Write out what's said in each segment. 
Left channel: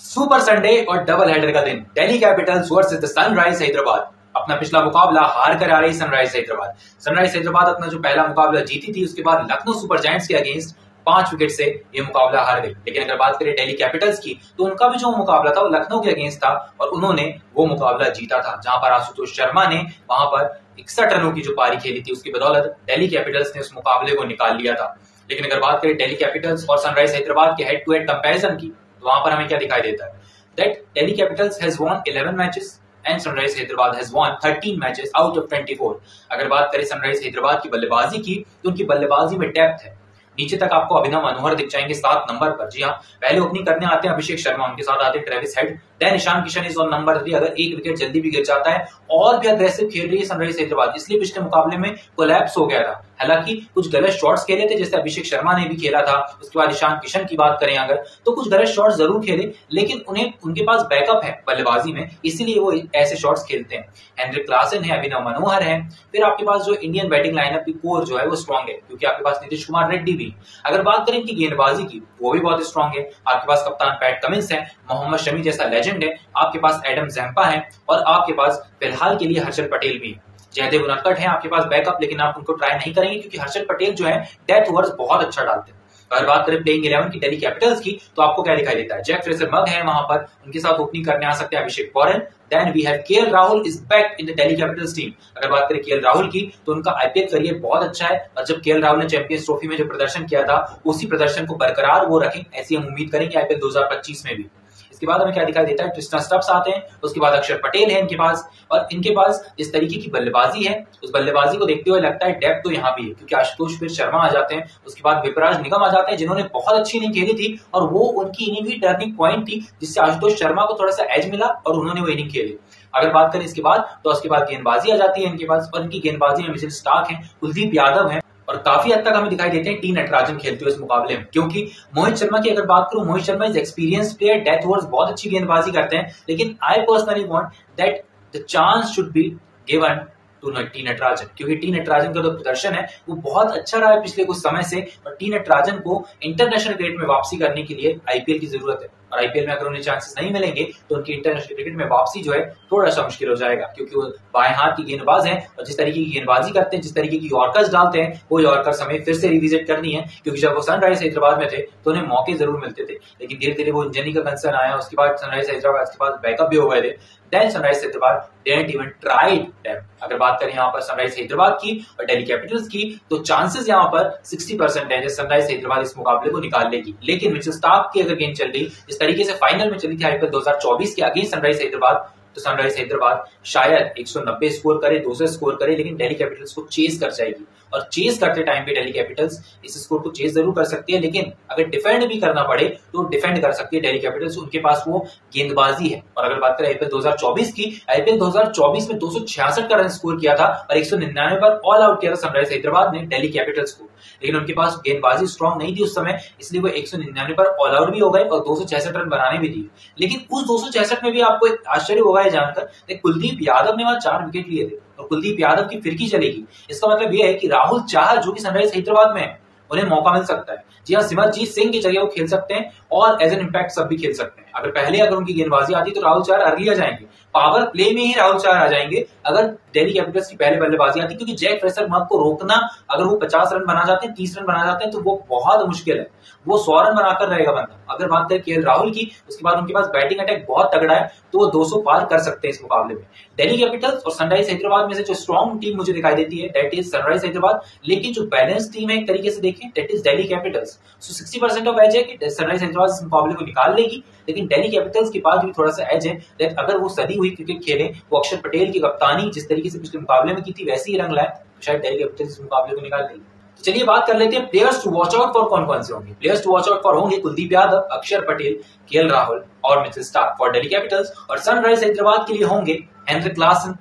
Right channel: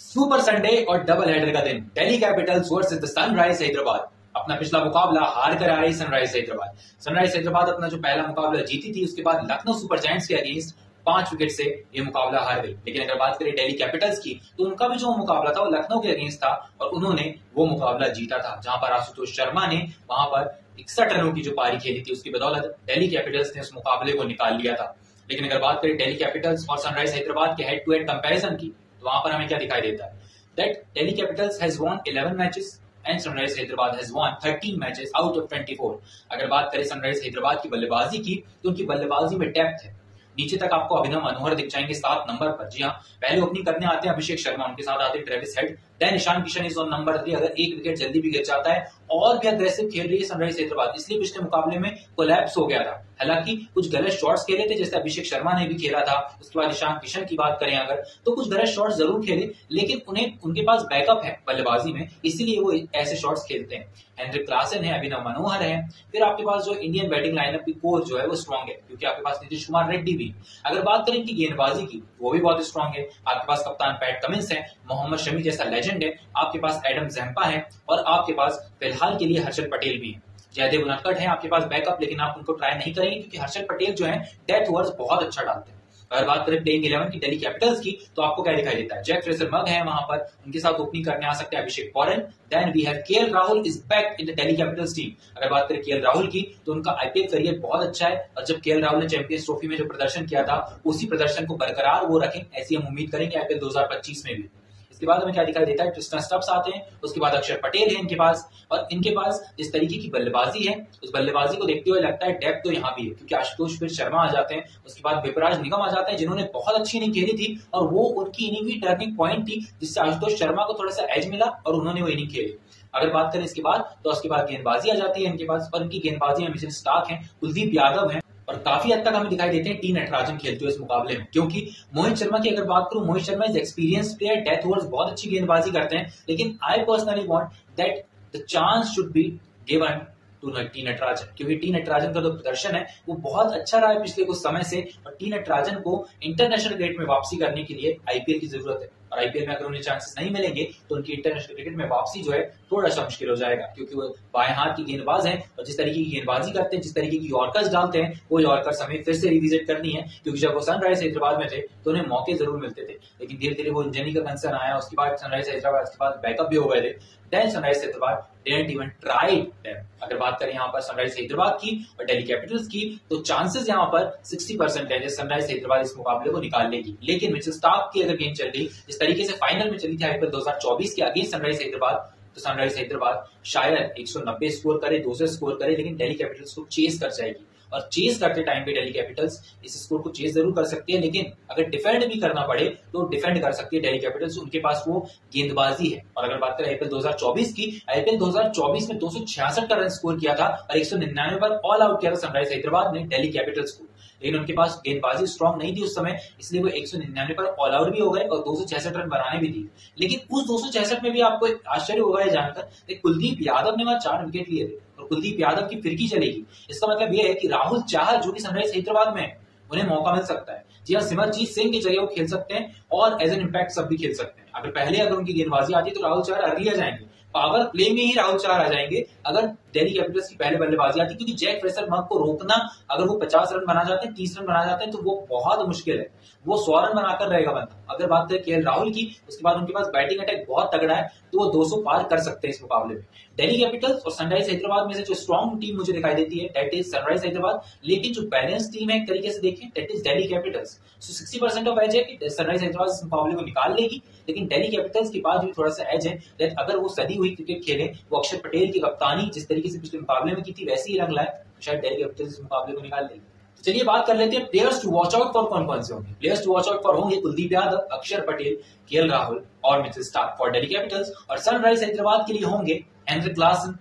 Super Sunday और double header का दिन, Delhi Capitals versus the sunrise Hyderabad. अपना पिछला मुकाबला हार कर आ रही सनराइज हैदराबाद। सनराइज हैदराबाद अपना जो पहला मुकाबला जीती थी, उसके बाद लखनऊ सुपर जायंट्स के अगेंस्ट 5 विकेट से ये मुकाबला हार गई। लेकिन अगर बात करें दिल्ली कैपिटल्स की, तो उनका भी जो मुकाबला था वो लखनऊ के अगेंस्ट था और उन्होंने वो मुकाबला जीता था, जहां पर आशुतोष शर्मा ने वहां पर 61 रनों की जो पारी खेली थी, उसकी बदौलत दिल्ली कैपिटल्स ने उस मुकाबले को निकाल लिया था। लेकिन अगर बात करें दिल्ली कैपिटल्स और सनराइज हैदराबाद के हेड टू हेड कंपैरिजन की, तो वहां पर हमें क्या दिखाई देता है? That Delhi Capitals has won 11 matches and sunrise Hyderabad has won 13 matches out of 24। अगर बात करें सनराइज हैदराबाद की बल्लेबाजी की, तो उनकी बल्लेबाजी में डेप्थ है। नीचे तक आपको अभिनव मनोहर दिख जाएंगे 7 नंबर पर। जी हाँ, पहले ओपनिंग करने आते हैं अभिषेक शर्मा, उनके साथ आते हैं Travis Head, then Ishan Kishan is on number 3। अगर एक विकेट जल्दी भी गिर जाता है और भी अग्रेसिव खेल रही है सनराइज हैदराबाद, इसलिए पिछले मुकाबले में कोलैप्स हो गया था। हालांकि कुछ गलत शॉट्स खेले थे, जैसे अभिषेक शर्मा ने भी खेला था। उसके बाद ईशान किशन की बात करें अगर, तो कुछ गलत शॉट्स जरूर खेले, लेकिन उन्हें उनके पास बैकअप है बल्लेबाजी में, इसीलिए वो ऐसे शॉट्स खेलते हैं। हेनरिक क्लासन है, अभिनव मनोहर है, फिर आपके पास जो इंडियन बैटिंग लाइनअप की कोर जो है वो स्ट्रांग है, क्योंकि आपके पास नीतीश कुमार रेड्डी भी। अगर बात करें कि गेंदबाजी की, वो भी बहुत स्ट्रांग है। आपके पास कप्तान पैट कमिंस है, मोहम्मद शमी जैसा लेजेंड है, आपके पास एडम जैम्पा है और आपके पास फिलहाल के लिए हर्षल पटेल भी है। जयदेव उनक्कड़ है आपके पास बैकअप, लेकिन आप उनको ट्राई नहीं करेंगे क्योंकि हर्षल पटेल जो है डेथ ओवर्स बहुत अच्छा डालते हैं। अगर बात करें प्लेइंग 11 की दिल्ली कैपिटल्स की, तो आपको क्या दिखाई देता है? जैक फ्रेजर मग है वहां पर, उनके साथ ओपनिंग करने आ सकते हैं Abhishek Porel. Then we have KL Rahul is back in the Delhi Capitals team. अगर बात करें केएल राहुल की, तो उनका आईपीएल करियर बहुत अच्छा है और जब केएल राहुल ने चैंपियंस ट्रॉफी में जो प्रदर्शन किया था, उसी प्रदर्शन को बरकरार वो रखें, ऐसी हम उम्मीद करेंगे आईपीएल 2025 में भी। इसके बाद हमें क्या दिखाई देता है? ट्रिस्टन स्टब्स आते हैं, उसके बाद अक्षर पटेल है इनके पास, और इनके पास इस तरीके की बल्लेबाजी है, उस बल्लेबाजी को देखते हुए लगता है डेप्थ तो यहाँ भी है, क्योंकि आशुतोष फिर शर्मा आ जाते हैं, उसके बाद विपराज निगम आ जाते हैं, जिन्होंने बहुत अच्छी इनिंग खेली थी और वो उनकी इनिंग ही टर्निंग पॉइंट थी, जिससे आशुतोष शर्मा को थोड़ा सा एज मिला और उन्होंने वो इनिंग खेली। अगर बात करें इसके बाद, तो उसके बाद गेंदबाजी आ जाती है इनके पास, और इनकी गेंदबाजी में मिचेल स्टार्क है, कुलदीप यादव है, और काफी हद तक हमें दिखाई देते हैं टी नटराजन खेलते हुए इस मुकाबले में। क्योंकि मोहित शर्मा की अगर बात करूं, Mohit Sharma is experience player, death overs बहुत अच्छी गेंदबाजी करते हैं, लेकिन I personally want that the chance should be given to T Natarajan, क्योंकि टी नटराजन का जो प्रदर्शन है वो बहुत अच्छा रहा है पिछले कुछ समय से, और टी नटराजन को इंटरनेशनल क्रिकेट में वापसी करने के लिए आईपीएल की जरूरत है। और आईपीएल में अगर उन्हें चांसेस नहीं मिलेंगे, तो उनकी इंटरनेशनल क्रिकेट में वापसी जो है थोड़ा सा मुश्किल हो जाएगा, क्योंकि वो बाएं हाथ की गेंदबाज हैं और जिस तरीके की गेंदबाजी करते हैं, जिस तरीके की यॉर्कर्स डालते हैं, वो यॉर्कर्स हमें फिर से रिविजिट करनी है, क्योंकि जब वो सनराइज हैदराबाद में थे तो उन्हें मौके जरूर मिलते थे, लेकिन धीरे धीरे वो इंजरी का कंसर्न आया, उसके बाद सनराइज हैदराबाद के पास बैकअप भी हो गए थे। Then Sunrise Hyderabad didn't even tried them. अगर बात करें यहाँ पर सनराइज हैदराबाद की और दिल्ली कैपिटल्स की, तो चांसेस यहाँ पर 60% है सनराइज हैदराबाद इस मुकाबले को निकाल लेगी। लेकिन मिचेल स्टार्क की अगर गेंद चल रही इस तरीके से फाइनल में चली थी आईपीएल 2024 के अगेंस्ट सनराइज हैदराबाद, तो सनराइज हैदराबाद शायद 190 स्कोर करे, 200 स्कोर करे, लेकिन दिल्ली कैपिटल्स को चेस कर जाएगी। और चेस करते टाइम पे दिल्ली कैपिटल्स इस स्कोर को चेस जरूर कर सकती है, लेकिन अगर डिफेंड भी करना पड़े तो डिफेंड कर सकती है दिल्ली कैपिटल्स, उनके पास वो गेंदबाजी है। और अगर बात करें आईपीएल 2024 की, आईपीएल 2024 में 266 का रन स्कोर किया था और 199 पर ऑल आउट किया था सनराइज हैदराबाद ने दिल्ली कैपिटल्स को, लेकिन उनके पास गेंदबाजी स्ट्रांग नहीं थी उस समय, इसलिए वो 199 पर ऑल आउट भी हो गए और 266 रन बनाने भी दिए। लेकिन उस 266 में भी आपको एक आश्चर्य होगा ये जानकर, कुलदीप यादव ने वहां 4 विकेट लिए थे और कुलदीप यादव की फिरकी चलेगी। इसका मतलब यह है कि राहुल चाहर जो कि सनराइज हैदराबाद में है, उन्हें मौका मिल सकता है। जी हाँ, सिमरजीत सिंह की जगह वो खेल सकते हैं और एज एन इम्पैक्ट सब भी खेल सकते हैं। अगर उनकी गेंदबाजी आती तो राहुल चाहर अर्ली आ जाएंगे, पावर प्ले में ही राहुल चाहर आ जाएंगे अगर दिल्ली कैपिटल्स की पहले बल्लेबाजी आती, क्योंकि जैक फ्रेजर मग को रोकना, अगर वो 50 रन बना जाते हैं, 30 रन बना जाते हैं, तो वो बहुत मुश्किल है। वो 100 रन बनाकर रहेगा बंदा। अगर बात करें केएल राहुल की, उसके बाद उनके पास बैटिंग अटैक बहुत तगड़ा है, तो वो 200 पार कर सकते हैं इस मुकाबले में। दिल्ली कैपिटल्स और सनराइज हैदराबाद में से जो स्ट्रॉन्ग टीम मुझे दिखाई देती है दैट इज सनराइज हैदराबाद, लेकिन जो बैलेंस टीम है एक तरीके से देखें that is Delhi Capitals. So 60% of edge है कि सनराइज हैदराबाद इस मुकाबले को निकाल लेगी, लेकिन दिल्ली कैपिटल्स के पास भी थोड़ा सा एज है दैट अगर वो सदी हुई क्रिकेट खेले, वो अक्षर पटेल की कप्तानी जिस तरीके से पिछले मुकाबले में की थी वैसे ही रंग लाए, तो शायद दिल्ली कैपिटल्स इस मुकाबले को निकाल लेगी। चलिए बात कर लेते हैं players to watch out for कौन कौन से होंगे। Players to watch out for होंगे कुलदीप यादव, अक्षर पटेल, केएल राहुल और Mitchell Starc for Delhi Capitals. और सनराइज हैदराबाद के लिए होंगे हेनरिक क्लासन,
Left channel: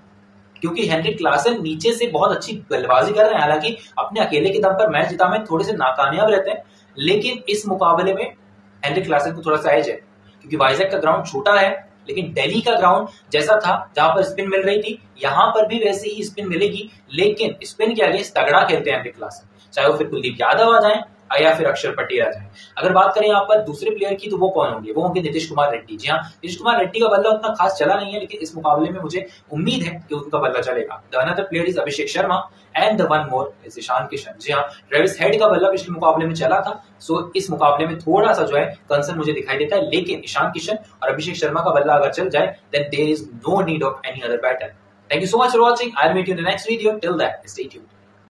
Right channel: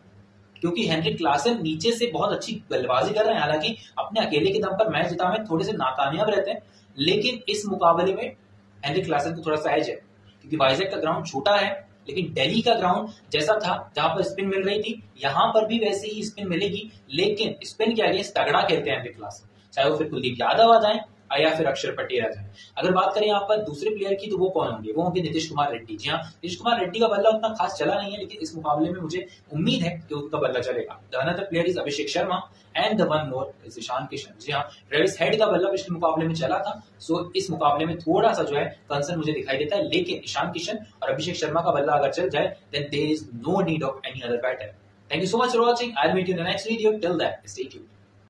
क्योंकि हेनरिक क्लासन नीचे से बहुत अच्छी बल्लेबाजी कर रहे हैं। हालांकि अपने अकेले के दम पर मैच जिता में थोड़े से नाकामयाब रहते हैं, लेकिन इस मुकाबले में हेनरिक क्लासन को थोड़ा सा एज है, क्योंकि वाइजैक का ग्राउंड छोटा है, लेकिन दिल्ली का ग्राउंड जैसा था जहां पर स्पिन मिल रही थी, यहां पर भी वैसे ही स्पिन मिलेगी, लेकिन स्पिन के अगेंस्ट तगड़ा खेलते हैं हेनरिक क्लासन। चाहे वो फिर कुलदीप यादव आ जाए या फिर अक्षर पटेल आ जाए। अगर बात करें यहाँ पर दूसरे प्लेयर की तो वो कौन होंगे, वो होंगे नीतीश कुमार रेड्डी। जी हाँ, नीतीश कुमार रेड्डी का बल्ला उतना खास चला नहीं है, लेकिन इस मुकाबले में मुझे उम्मीद है कि उनका बल्ला चलेगा। The another player is Abhishek Sharma and the one more is Ishan Kishan. जी हाँ, ट्रेविस हेड का बल्ला पिछले मुकाबले में चला था, सो इस मुकाबले में थोड़ा सा जो है कंसर्न मुझे दिखाई देता है, लेकिन ईशान किशन और अभिषेक शर्मा का बल्ला अगर चल जाए then there is no need of any other batter. Thank you so much for watching. I'll meet you in the next video. Till then, stay tuned.